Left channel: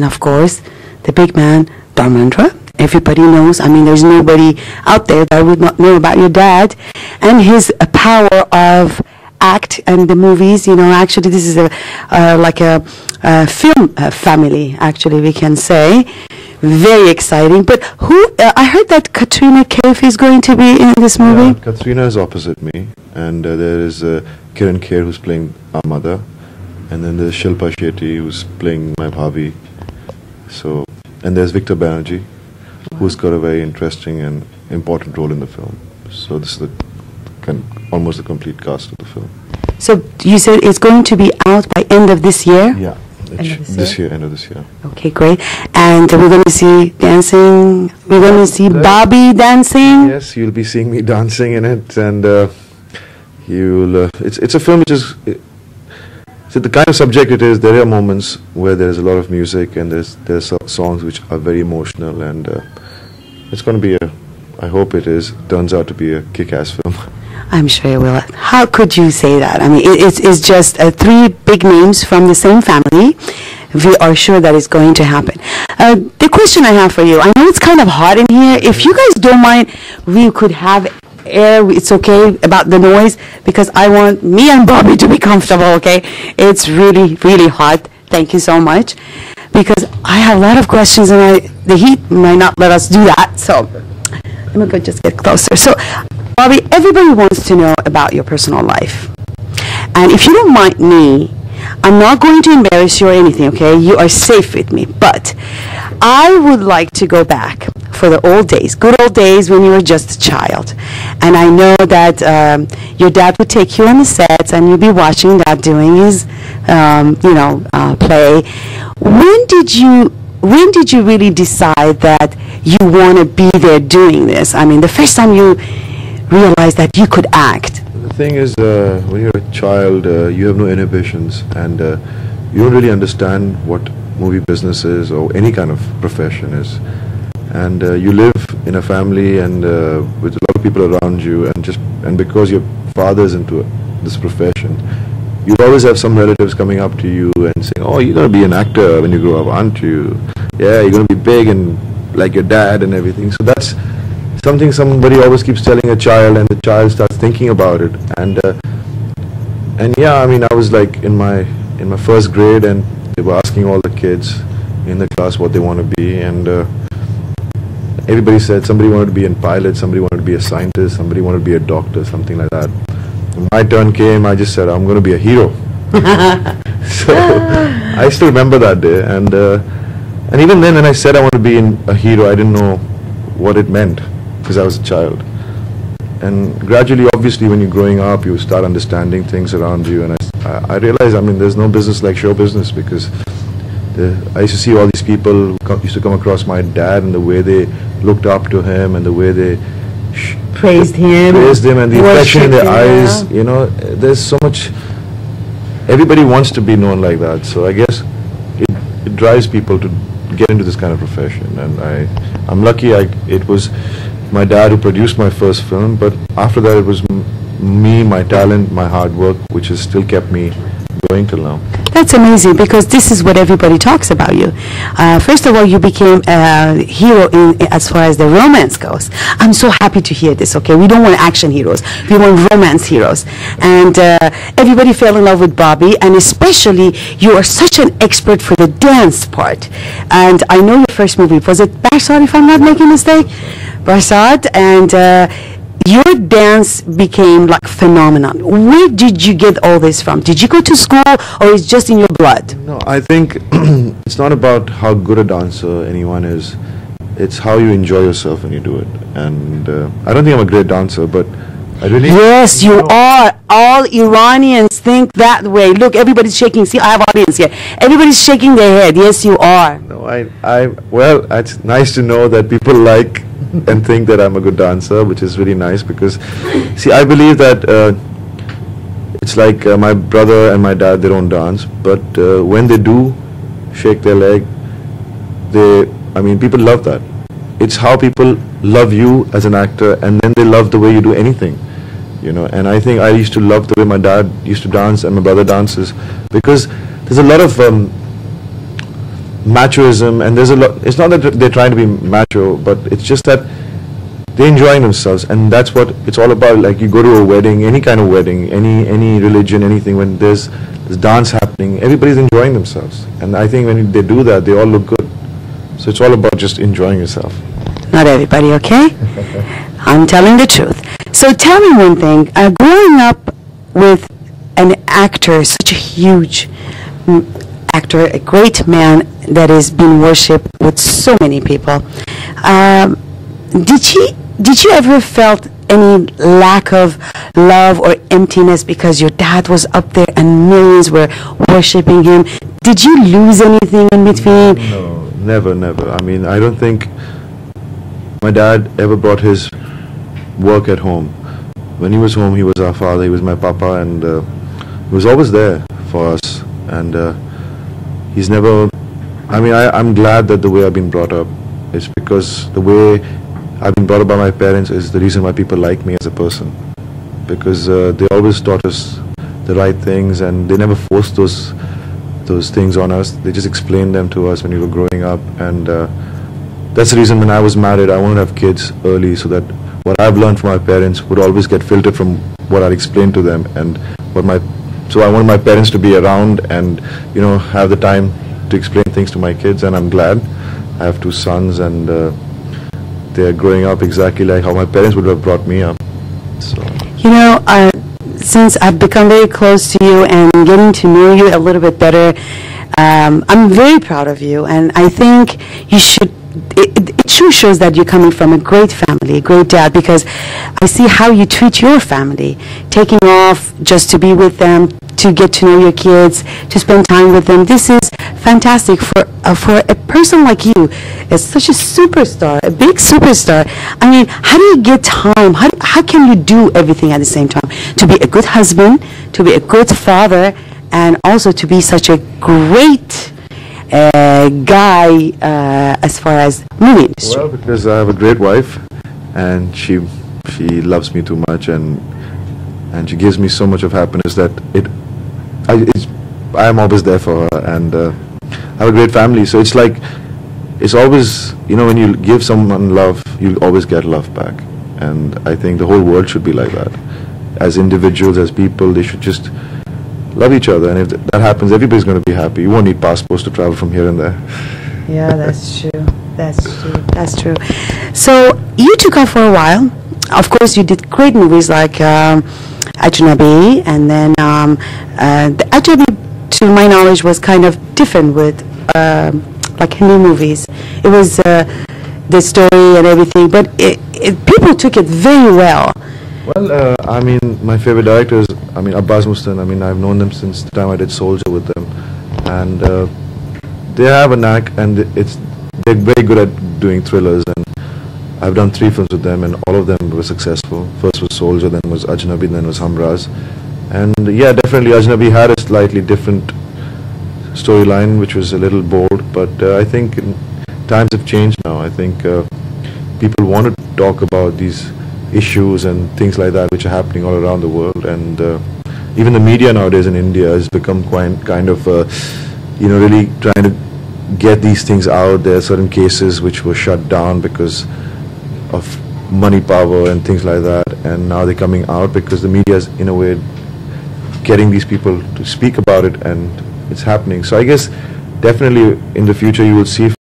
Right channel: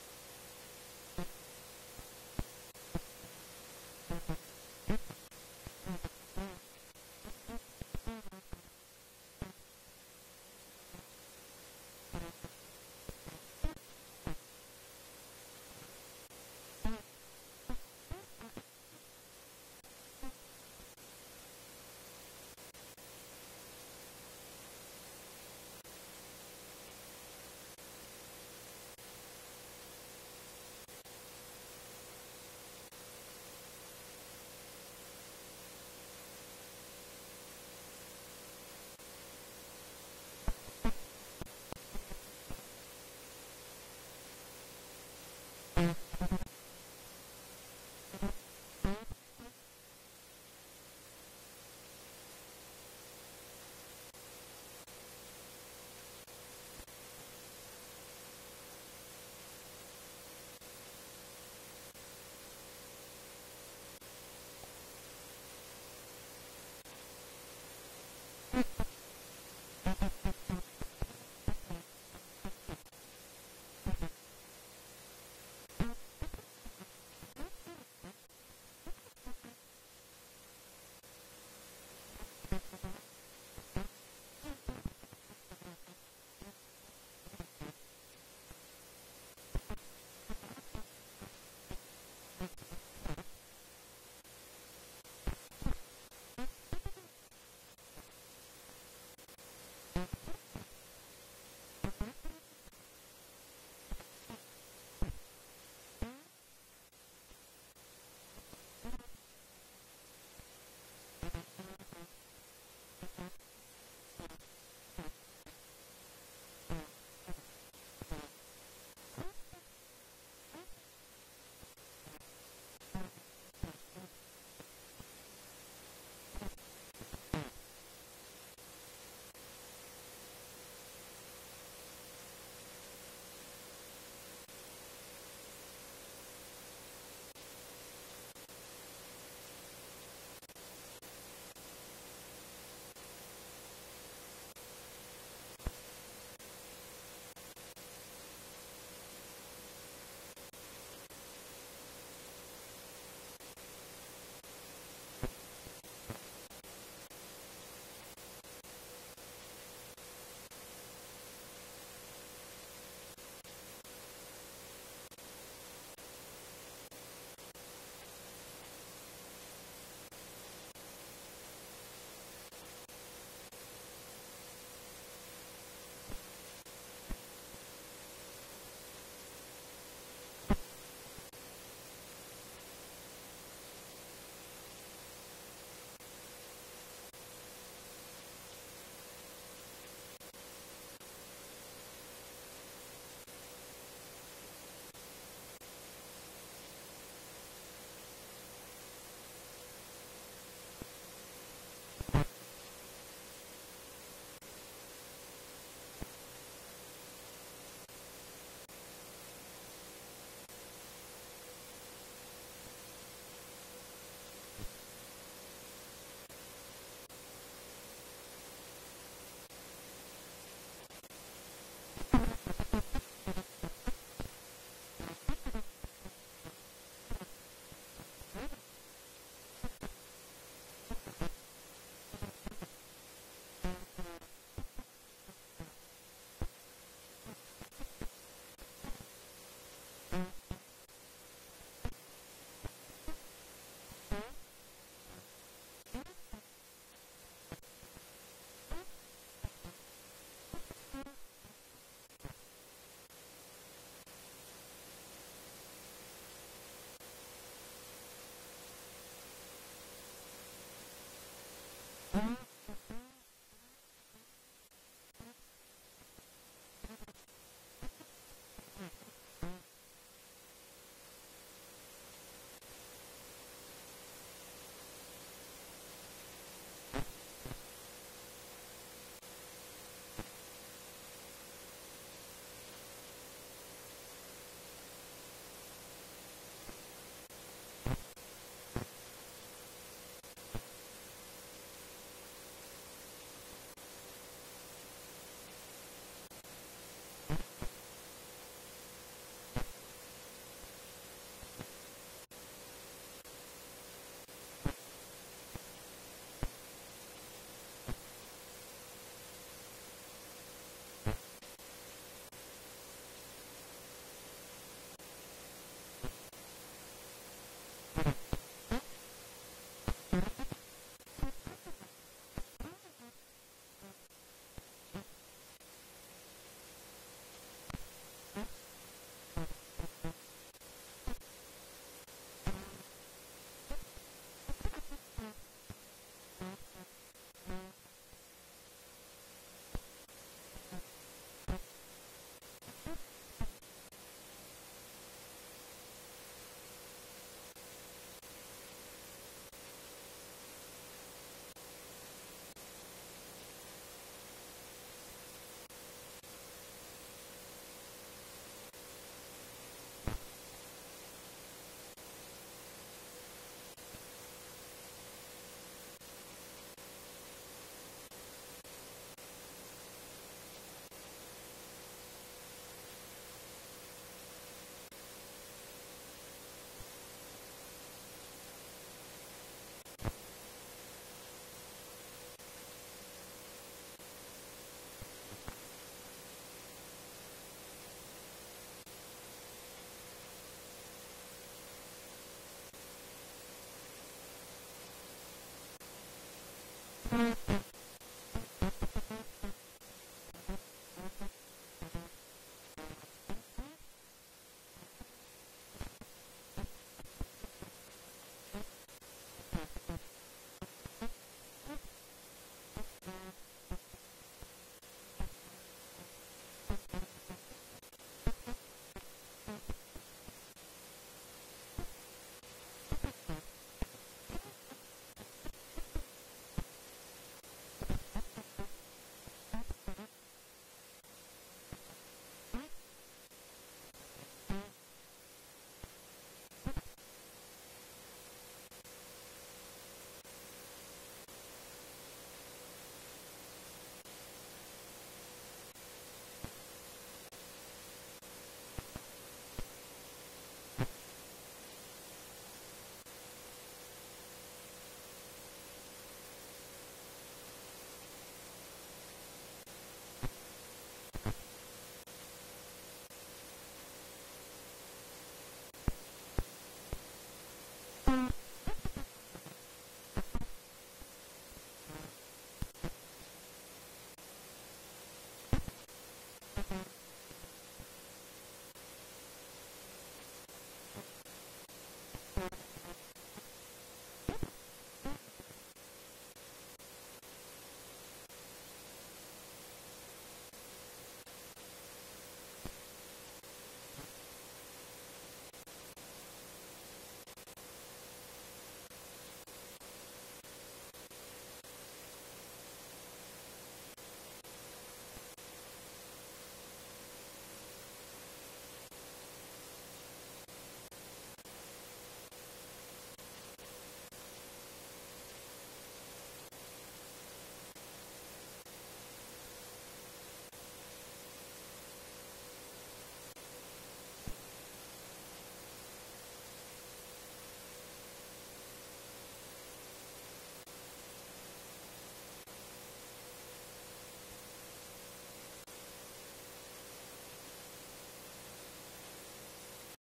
and of course, the big man, Dharmendra. Everybody knows, I mean, there's nobody out there that would not know about your dad and his power of act and the movies. You know, actually, this is like a film family, actually, we can say. Very exciting. But I heard that Katrina Kaif is going to be in this movie. Yeah, Katrina is opposite me, and there is Kiran Kher, who's playing our mother, and then there's Shilpa Shetty, who's playing my bhabhi. So, and there's Victor Banerjee, who's got a very interesting and important role in the film. So this is almost the complete cast of the film. So you said it's going to be out by end of this year? Yeah, end of this year. Okay, great. And we're going to see dancing, we're going to see Bobby dancing? Yes, you'll be seeing me dancing in it, and it's a film which is... So the kind of subject it is, there are moments where there's a lot of music and there's songs which are very emotional, and it's going to be I hope turns out to be a kick-ass film. I'm sure it will. How could you say that? I mean, it's just three big names from the same family. We are sure that it's going to happen. The question I have for you, I know it's kind of hot in here. If you guys don't mind, we could have air. It's okay about the noise, because I want me and Bobby to be comfortable, okay? It's really, really hot. Thank you so much. Because I have a lot of questions, and the heat might not let us do that. So let me just get closer. So, Bobby, everybody wants to know about your personal life. And if you don't mind me, I'm not going to embarrass you or anything, okay? You are safe with me. But I would like to go back for the old days, good old days when you were just a child. And I know that your dad would take you on the sets, and you'd be watching Dad doing his, play. When did you really decide that you want to be there doing this? I mean, the first time you realized that you could act. The thing is, when you're a child, you have no inhibitions, and you don't really understand what movie business is or any kind of profession is. And you live in a family and with a lot of people around you, and because your father's into this profession, you always have some relatives coming up to you and saying, "Oh, you're going to be an actor when you grow up, aren't you? Yeah, you're going to be big and like your dad and everything." So that's something somebody always keeps telling a child, and the child starts thinking about it. And yeah, I mean, I was like in my first grade, and they were asking all the kids in the class what they want to be, and everybody said somebody wanted to be a pilot, somebody wanted to be a scientist, somebody wanted to be a doctor, something like that. When my turn came, I just said, I'm going to be a hero. So I still remember that day, and even then when I said I want to be a hero, I didn't know what it meant, because I was a child. And gradually, obviously, when you're growing up, you start understanding things around you, and I realized, I mean, there's no business like show business, because I used to see all these people who used to come across my dad, and the way they looked up to him, and the way they praised him, and the affection in their eyes. You know, there's so much. Everybody wants to be known like that. So I guess it drives people to get into this kind of profession. And I'm lucky. It was my dad who produced my first film, but after that it was me, my talent, my hard work, which has still kept me going till now. That's amazing, because this is what everybody talks about you. First of all, you became a hero as far as the romance goes. I'm so happy to hear this, okay? We don't want action heroes. We want romance heroes. And everybody fell in love with Bobby, and especially you are such an expert for the dance part. And I know your first movie, was it Barsad, if I'm not making a mistake? Barsad, and your dance became like phenomenon. Where did you get all this from? Did you go to school, or it's just in your blood? No, I think it's not about how good a dancer anyone is. It's how you enjoy yourself when you do it. And I don't think I'm a great dancer, but I really... Yes, you are. All Iranians think that way. Look, everybody's shaking. See, I have audience here. Everybody's shaking their head. Yes, you are. No, well, it's nice to know that people like and think that I'm a good dancer, which is really nice, because, see, I believe that it's like my brother and my dad, they don't dance, but when they do shake their leg, people love that. It's how people love you as an actor, and then they love the way you do anything, you know. And I think I used to love the way my dad used to dance and my brother dances, because there's a lot of machoism, and there's a lot. It's not that they're trying to be macho, but it's just that they're enjoying themselves, and that's what it's all about. Like, you go to a wedding, any kind of wedding, any religion, anything, when there's dance happening, everybody's enjoying themselves, and I think when they do that, they all look good. So it's all about just enjoying yourself. Not everybody, okay? I'm telling the truth. So tell me one thing. Growing up with an actor, such a huge actor, a great man that has been worshipped with so many people, did you ever felt any lack of love or emptiness because your dad was up there and millions were worshiping him? Did you lose anything in between? No, never, never. I mean, I don't think my dad ever brought his work at home. When he was home, he was our father, he was my papa, and he was always there for us. And he's never, I mean, I'm glad that the way I've been brought up is because the way I've been brought up by my parents is the reason why people like me as a person. Because they always taught us the right things, and they never forced those things on us. They just explained them to us when we were growing up. And that's the reason when I was married, I wanted to have kids early, so that what I've learned from my parents would always get filtered from what I'd explained to them. And so I wanted my parents to be around and, you know, have the time to explain things to my kids, and I'm glad. I have 2 sons, and they're growing up exactly like how my parents would have brought me up. So, you know, since I've become very close to you and getting to know you a little bit better, I'm very proud of you, and I think you should. It sure shows that you're coming from a great family, a great dad, because I see how you treat your family, taking off just to be with them, to get to know your kids, to spend time with them. This is fantastic for a person like you. It's such a superstar, a big superstar. I mean, how do you get time? How can you do everything at the same time? To be a good husband, to be a good father, and also to be such a great guy as far as movie industry? well, because I have a great wife, and she loves me too much, and she gives me so much of happiness that I am always there for her, and I have a great family. So it's like, it's always, you know, when you give someone love, you always get love back, and I think the whole world should be like that. As individuals, as people, they should just love each other, and if that happens, everybody's going to be happy. You won't need passports to travel from here and there. Yeah, that's true. That's true. That's true. So you took off for a while. Of course, you did great movies like Ajnabi, and then the Ajnabi, to my knowledge, was kind of different with like Hindi movies. It was the story and everything, but people took it very well. Well, I mean, my favorite directors, I mean, Abbas Mustan, I mean, I've known them since the time I did Soldier with them, and they have a knack, and they're very good at doing thrillers, and I've done 3 films with them, and all of them were successful. First was Soldier, then was Ajnabi, then was Hamraz. And yeah, definitely Ajnabi had a slightly different storyline, which was a little bold, but I think times have changed now. I think people want to talk about these issues and things like that which are happening all around the world, and even the media nowadays in India has become kind of you know, really trying to get these things out. There are certain cases which were shut down because of money power and things like that, and now they're coming out because the media is in a way getting these people to speak about it, and it's happening. So I guess definitely in the future you will see